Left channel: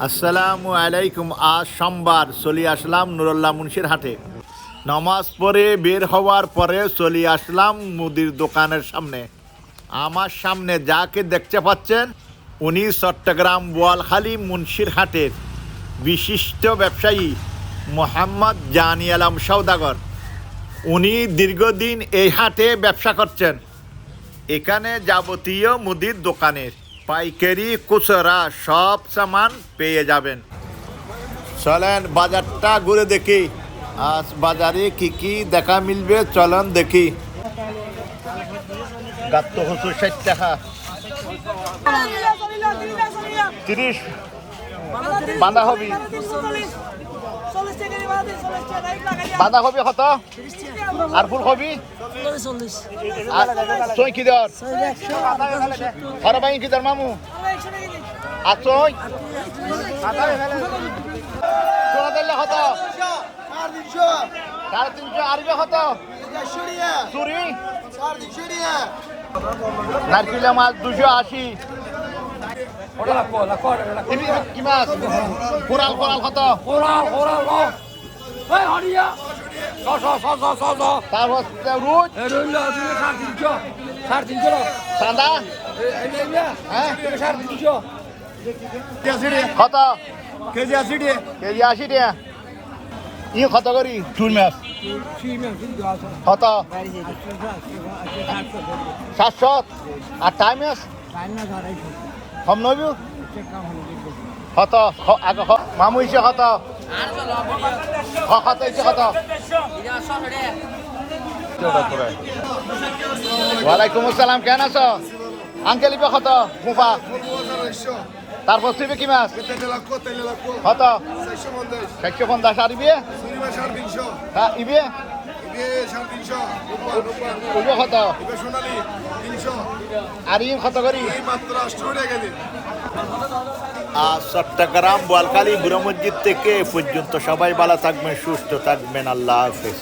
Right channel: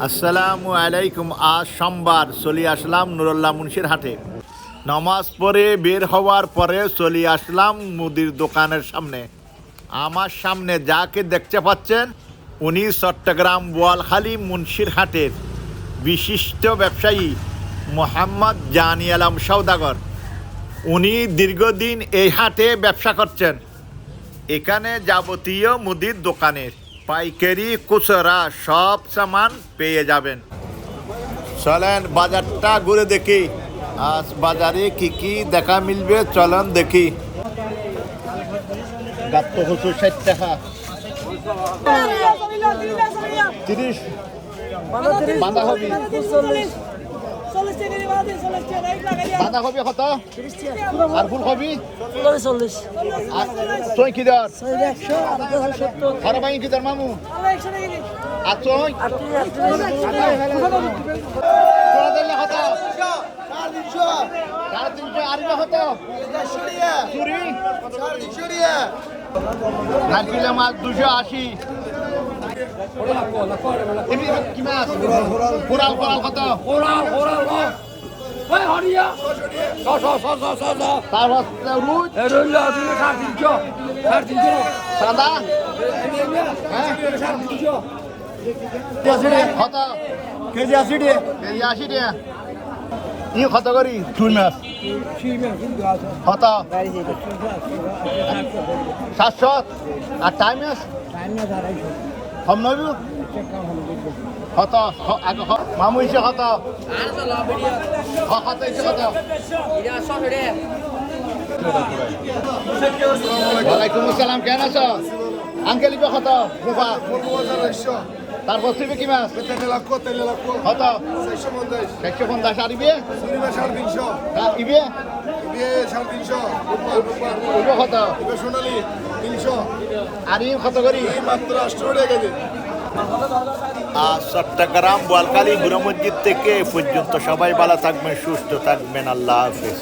আসসালামু আলাইকুম। আজ সোমবার চলে আসলাম নুরুল্লাহ মুন্সির হাটে। নামাজ পড়ে বের হওয়ার পরে চলে আসলাম মুদির দোকানের সামনে। আমার সামনে যাকে দেখতে পাচ্ছেন উনি চট্টগ্রাম বোয়ালখালী মুন্সির হাটের বিশিষ্ট ব্যবসায়ী মোহাম্মদ জানি আলম সওদাগর। উনি দীর্ঘদিন এই হাটে ব্যবসা করছেন। এখানে যাবতীয় মুদির দোকানের পাইকারি খুচরা সব সামান পেয়ে যাবেন। চলেন বাজারটা ঘুরে দেখি, আজ বাজারে কি কি দেখা মিলবে চলেন দেখি। গাত্ত হচ্ছে 60 টাকা, 30 বাঁধাকপি। বাঁধাকপি কত? আর ফুলকপি? চই কি দর? আর বাইন কি দর মামু? আর চই কত? 350। আর কত? চুরি নারকেল মাছ 280। কি মাছ? কোরাল কত? চান্দা কত? কেজি 80 টাকা। ই কত করি চুই মাছ? কত? 700। আর টাইম মাছ কম নবী কত? মামু ইসে কত? কত ইসে কত? ওয়ালাইকুম আসসালাম, কেন আছো আঙ্কেল? ইবে কত? মুখা তারপর সিবে কি মাছ? কত? 650। আর ইবে? ইবে ইবে কত? আর ই কত করি? চট্টগ্রাম বোয়ালখালী বুড়ো মসজিদ থেকে পর্যন্ত সবাই ভালো থাকবেন, সুস্থ থাকবেন। আল্লাহ হাফেজ।